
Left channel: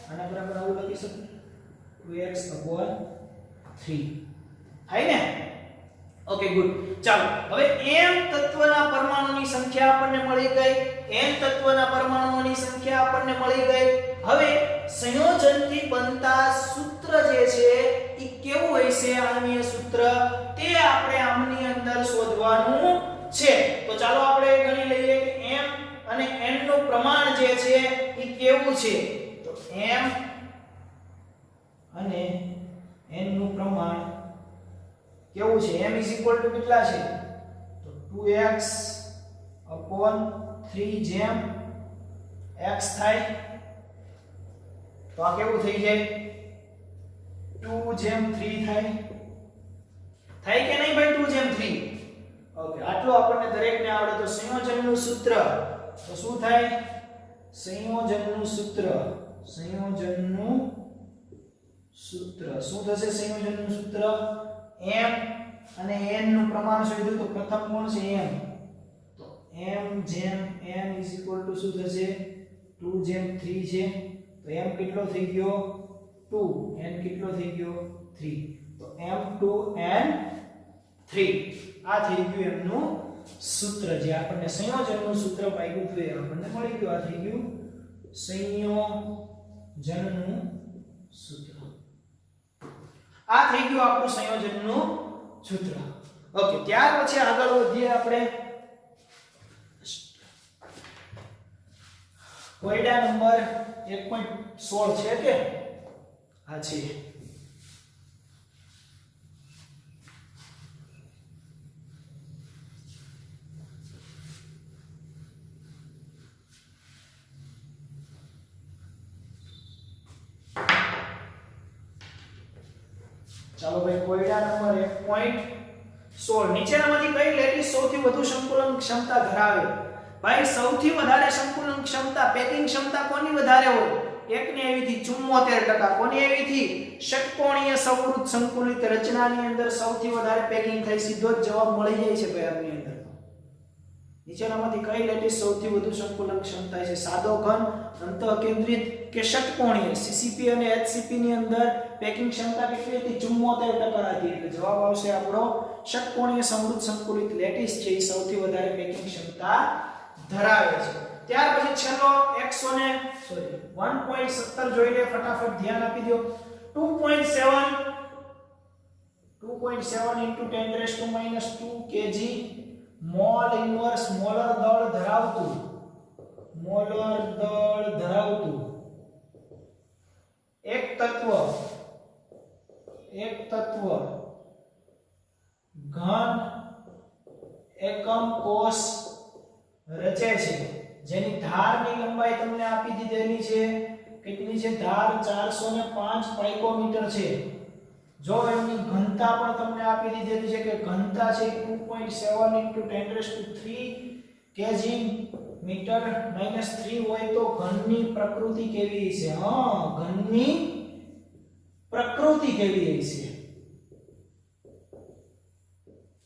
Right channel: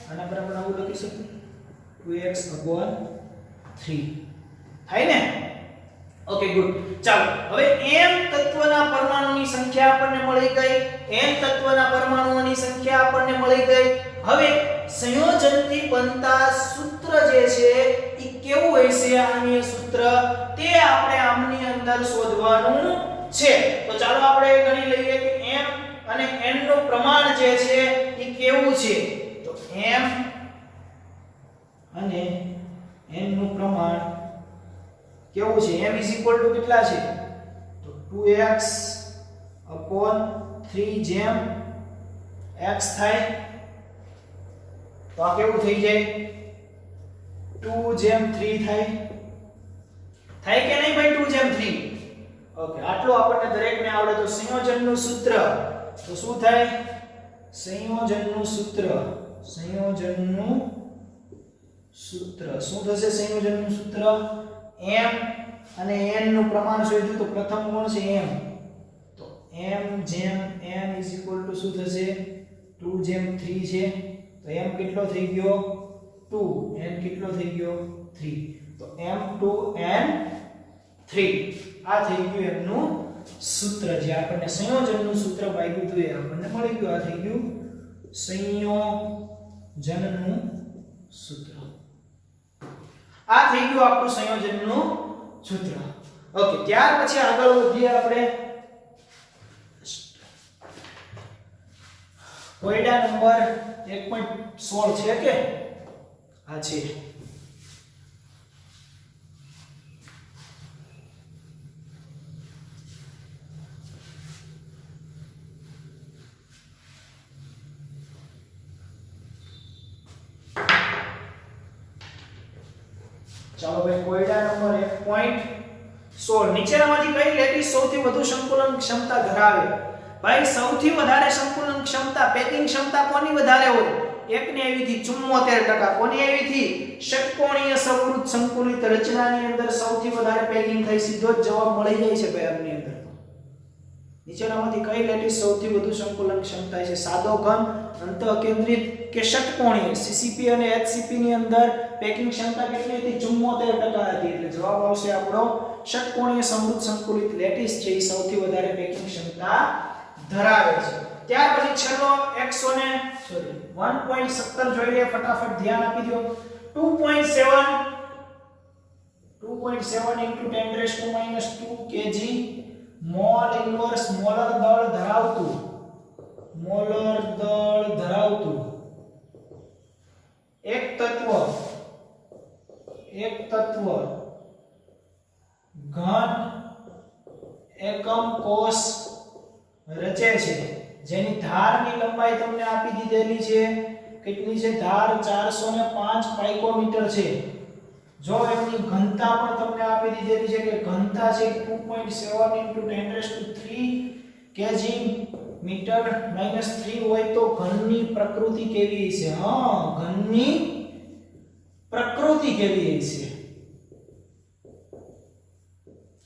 આના બરાબર આવું લખી શકું 2x/3 થાય ને? Okay good. ચાલો હવે m તત્વના પરમાણુની સંખ્યા આપણને મળી ગઈ. n તત્વના પરમાણુઓની સંખ્યા આપણને મળી ગઈ. હવે સંયોજનથી બનતા સૂત્ર જે છે એ કેવું હશે? આની સૂત્ર તે આપણે આમની અંદર શોધવાનું છે. તો ચાલો આપણે ગણી લઈએ કે m અને n નું પ્રમાણ જે છે એ કેવું છે. તો m અને n નું પ્રમાણ કેવું છે? m કેટલા છે? તો 2x upon 3 જેમ x થાય તો આ કેવું થઈ જાય? 2 જેમ 3 થાય કે નહીં ભાઈ? 2 જેમ 3. ઓકે, આટલું આપણને દરેકને આવડે. તો સંયોજનનું સૂત્ર તો શું થાય? સંયોજનનું સૂત્ર શું થશે? સંયોજનનું સૂત્ર m અને n નું પ્રમાણ શોધ્યું. તો પ્રથમ કોણ છે? m. તો m જેમ n શું થશે? 2 જેમ 3 છે. તો m કેટલો થઈ ગયો? 2. n કેટલો થઈ ગયો? 3. તો m2 n 3 આ થઈ ગયું એમનું સૂત્ર. જે આપણને સંયોજનનું સૂત્ર પાડ્યું હતું એ આપણને મળી ગયું. આ થઈ ગયું સંયોજનનું સૂત્ર. આ થઈ ગયું આપણું સંયોજનનું સૂત્ર. ઓકે, ત્યાર પછી આગળ વધીએ આપણે. કોયડા નંબર 1.16 છે કે આ છે. ચાલો ભાઈ, કોયડા નંબર 1.16 નીચેનામાંથી કઈ લેટીસ સૌથી વધુ સંકુલન ક્ષમતા ધરાવે? ભાઈ, સૌથી વધારે સંકુલન ક્ષમતા, પેકિંગ ક્ષમતા કોની વધારે હોય? એકની આવીથી 74%. કોની આવીથી? ષટકોણીય સમૃદ્ધ સંકુલિત રચનાની અંદર સૌથી વધારે પેકિંગ થાય. સીધો જ જવાબ મળી જાય છે ભાઈ આમની અંદર. નીચેનામાંથી કઈ લેટીસ સૌથી વધુ સંકુલન ક્ષમતા છે? સાદો ઘન, અંતઃકેન્દ્રિત કે ષટકોણીય? સીસીપી અને એચસીપી ની અંદર પેકિંગ ક્ષમતા કેટલી હતી? 74% હતી. એટલે જવાબ આવશે આપણો ષટકોણીય સમૃદ્ધ સંકુલિત લેટીસ છે એ સૌથી વધારે પેકિંગ ક્ષમતા ધરાવે છે. ત્યાર પછી છેલ્લો 1.17 જોઈ લઈએ ફટાફટ, ધ્યાન આપી દો. 2.7 into 10⁻² kg mall inverse molar દળ ધરાવતું એક તત્વ ઘન એકમ કોષ રચે છે, જેની ધારની લંબાઈ તમને આપી દીધેલી છે. કેટલી છે ધાર? 405 પાઇકોમીટર છે. જો એમની ઘનતા પણ તમને આપી દીધેલી છે કે ઘનતા છે 2.7 into 10⁻³ kg મીટર -3 હોય તો ઘનની પ્રકૃતિ કેવી છે? ઘનની પ્રકૃતિ કેવી છે?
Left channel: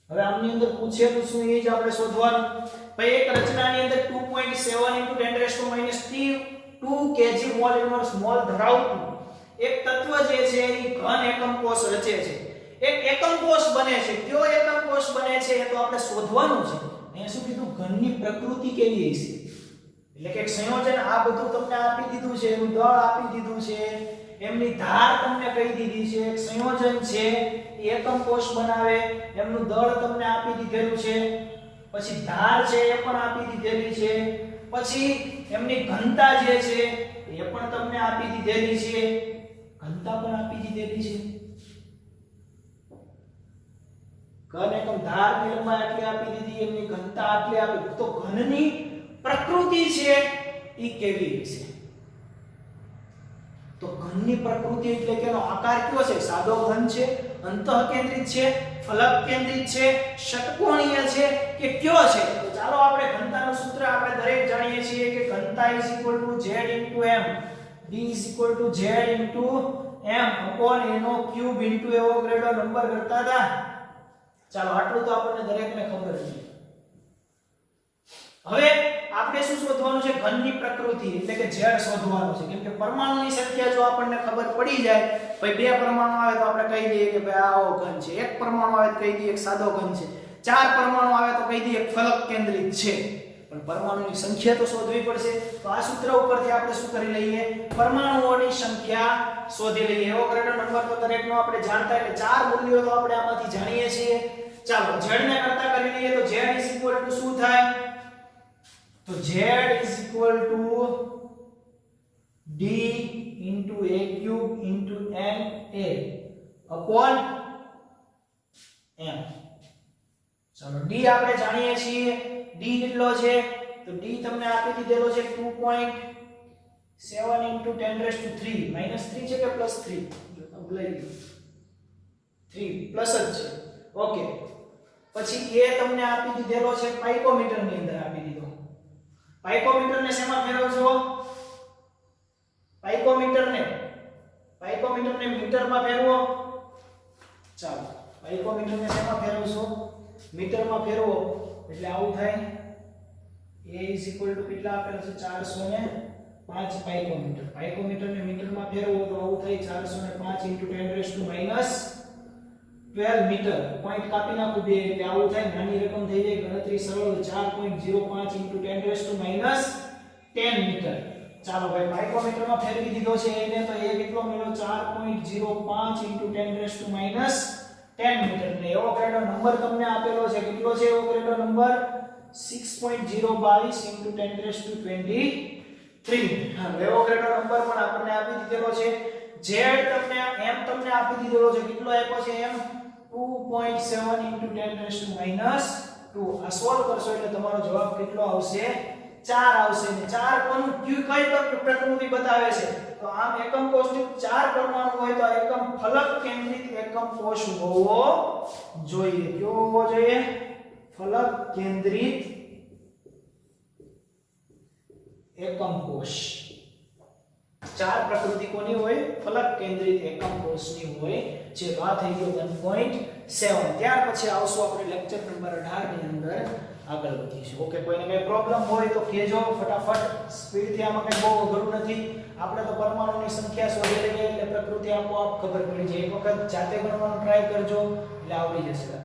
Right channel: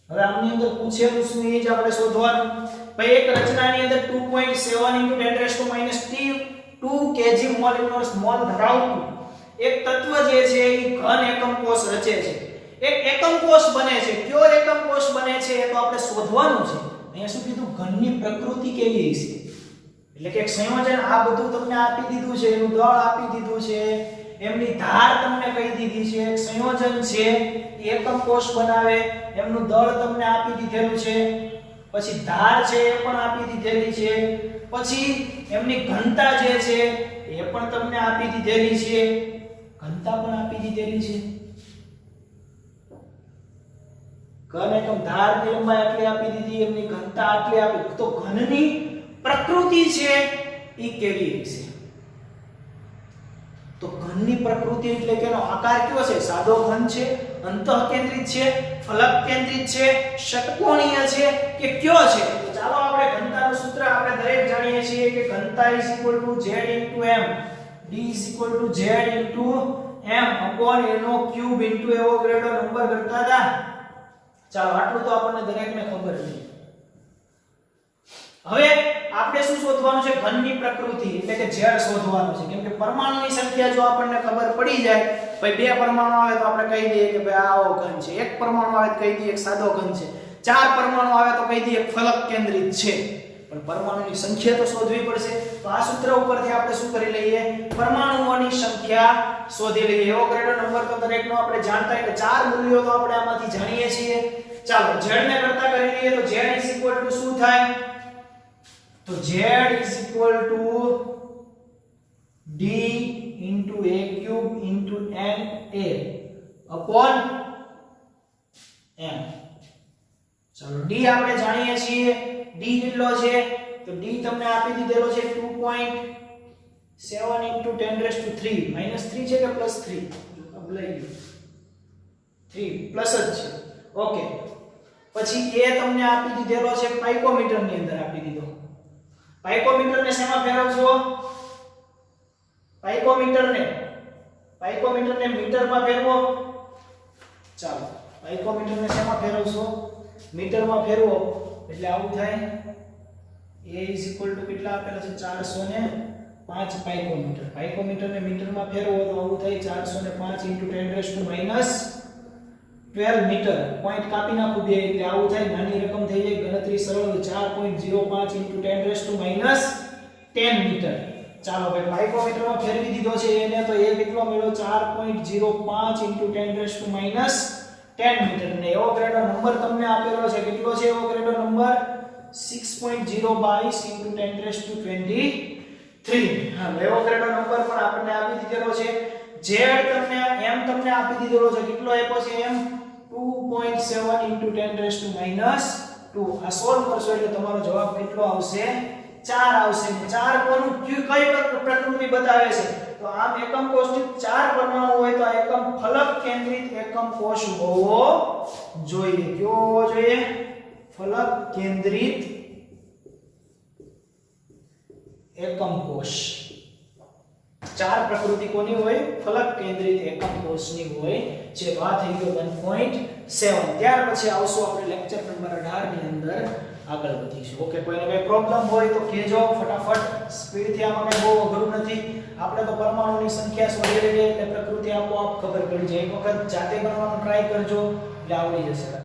હવે આમની અંદર પૂછેલું શું એ જ આપણે શોધવાનું. ભાઈ, એક રચનાની અંદર 2.7 into 10⁻³ kg mall inverse mall ધરાવતું એક તત્વ જે છે એ ઘન એકમ કોષ રચે છે. એક એકમ કોષ બને છે. કયો એકમ કોષ બને છે એ તો આપણે શોધવાનું છે. અહીંયા શું કીધું? ઘનની પ્રકૃતિ કેવી છે. એટલે કે એક સંયોજન આ બધું તમને આપી દીધું છે, એનું દળ આપી દીધું છે, એમની ધાર તમને કહી દીધી છે. એક સંયોજન છે એ એકમ કોષ બનાવે, એમનું દળ તમને આપી દીધેલું છે, પછી ધાર છે એ પણ આપી દીધેલી છે, પછી એમની ઘનતા જે છે એ પણ તમને આપી દીધેલી છે. ઘનતા પણ આપી દીધેલી છે. ઘન એકમ ધારની લંબાઈ આટલી આપી દીધી, એમની ઘનતા આટલી આપી. તો ઘનની પ્રકૃતિ છે એ કેવી હશે? તો ઘનની પ્રકૃતિ એટલે કે એનો આકાર કેવો છે? સાદો ઘન છે, અંતઃકેન્દ્રિત છે, ફલક કેન્દ્રિત છે, ષટકોણીય છે કે કયો છે? તો ચાલો આપણે ઘનતાનું સૂત્ર આપણે દરેક જાણીએ છીએ કે ઘનતા z * m, d z * m upon એનો ક્યુબ into એવોગાડ્રો નંબર કરતા હતા. ચાલો આટલું તો આપણને દરેકને ખબર છે. હવે આપણે શું શોધવાનું છે? ઘનની પ્રકૃતિ એટલે કે z શોધવાનું છે. કેમ કે પરમાણુની સંખ્યા જો આપણને ખબર પડી જાય, ભાઈ 2 પરમાણુ આવે તો આપણે કહી દઈએ કે ભાઈ આવો ઘન છે, 1 પરમાણુ આવે તો કહી દઈએ એક સાદો ઘન છે, 4 પરમાણુ આવે તો કહી દઈએ એક ફલક કેન્દ્રિત છે. પણ પરમાણુની સંખ્યા તો શોધવી પડશે. તો આ સૂત્ર ઉપરથી આપણે શું કરી લઈએ? પરમાણુઓની સંખ્યા શોધી લઈએ. એવોગાડ્રો નંબર તો દરેકનો આપણે જાણતા એટલે 4 મૂલ્યો તો આપણે આમાંથી જાણીએ છીએ. ચાલો z ને કરતા કરી લઈએ તો z શું થાય તો z d into a cube into n a upon m. ચાલો d આપણે જાણીએ છીએ d કેટલો છે તો d તમને આપી દીધેલો છે 2.7 into 10 raised to 3 -3 છે કે +3 જો અબલાઈ ગયું 3 પ્લસ જ છે ઓકે પછી a તમને આપી દીધેલો છે પાઇકોમીટર ની અંદર આપી દીધો પાઇકોમીટર ને શેમાં ફેરવશો પાઇકોમીટર ને મીટરમાં ફેરવો ચાલો પાઇકોમીટર ને શેમાં ફેરવશો મીટરમાં ફેરવો એટલે આવું થાય a કેટલા આપેલા છે 405 પાઇકોમીટર ને મીટરમાં ફેરવો તો આવું થાય 405 × 10⁻12 મીટર પોઈન્ટ કાપી નાખું બે એટલે આવું થાય નાની રકમ થઈ જાય ગણતરી સરળ 4.05 × 10⁻10 મીટર ચાલો ભાઈ પાઇકોમીટરમાં ફેરવી દીધો છે એને તો એ કેટલો મળ્યો 4.05 × 10⁻10 મીટર ને એવો ગ્રેડો નંબર તમને આપેલો છે કેટલો છે એવો ગ્રેડો નંબર 6.022 × 10⁻23 હા એવો ગ્રેડો નંબર પણ આપણને આપી દીધેલો છે z તમને આપી દીધેલો છે કેટલો આપ્યો છે એમ 2.7 × 10⁻2 આ સોલ્વ કરશો એટલે તમારો જવાબ કેટલો આવશે 4 આવશે ને 4 કોનું કઈ પ્રકૃતિ બતાવે છે તો આમ એકમ કોષ્ટક 4 પરમાણુ હોય તો આ એકમ ફલક કેન્દ્રિત એકમ કોષ હોવો જોઈએ કયો હોવો જોઈએ ફલક કેન્દ્રિત એકમ કોષ 4 પ્રકૃતિ કોની હોય ફલક કેન્દ્રિત એકમ કોષની હોય જે વાત થઈ ગયો 1.7 ત્યાર પછી આવશું આપણે લેક્ચર નંબર 18 ની અંદર આગળ વધીશું ઓકે કોઈને કઈ પ્રોબ્લેમ હોય તો કહેજો ફટાફટ સ્પીડ થી આમાં કઈ બહુ અઘરું નથી આપણે તો પરમાણુની સંખ્યા શોધી લઈએ એટલે પ્રકૃતિ આપોઆપ ખબર પડી જાય એક વખત જાતે ગણવાનું ટ્રાય કરજો એટલે આવડી જશે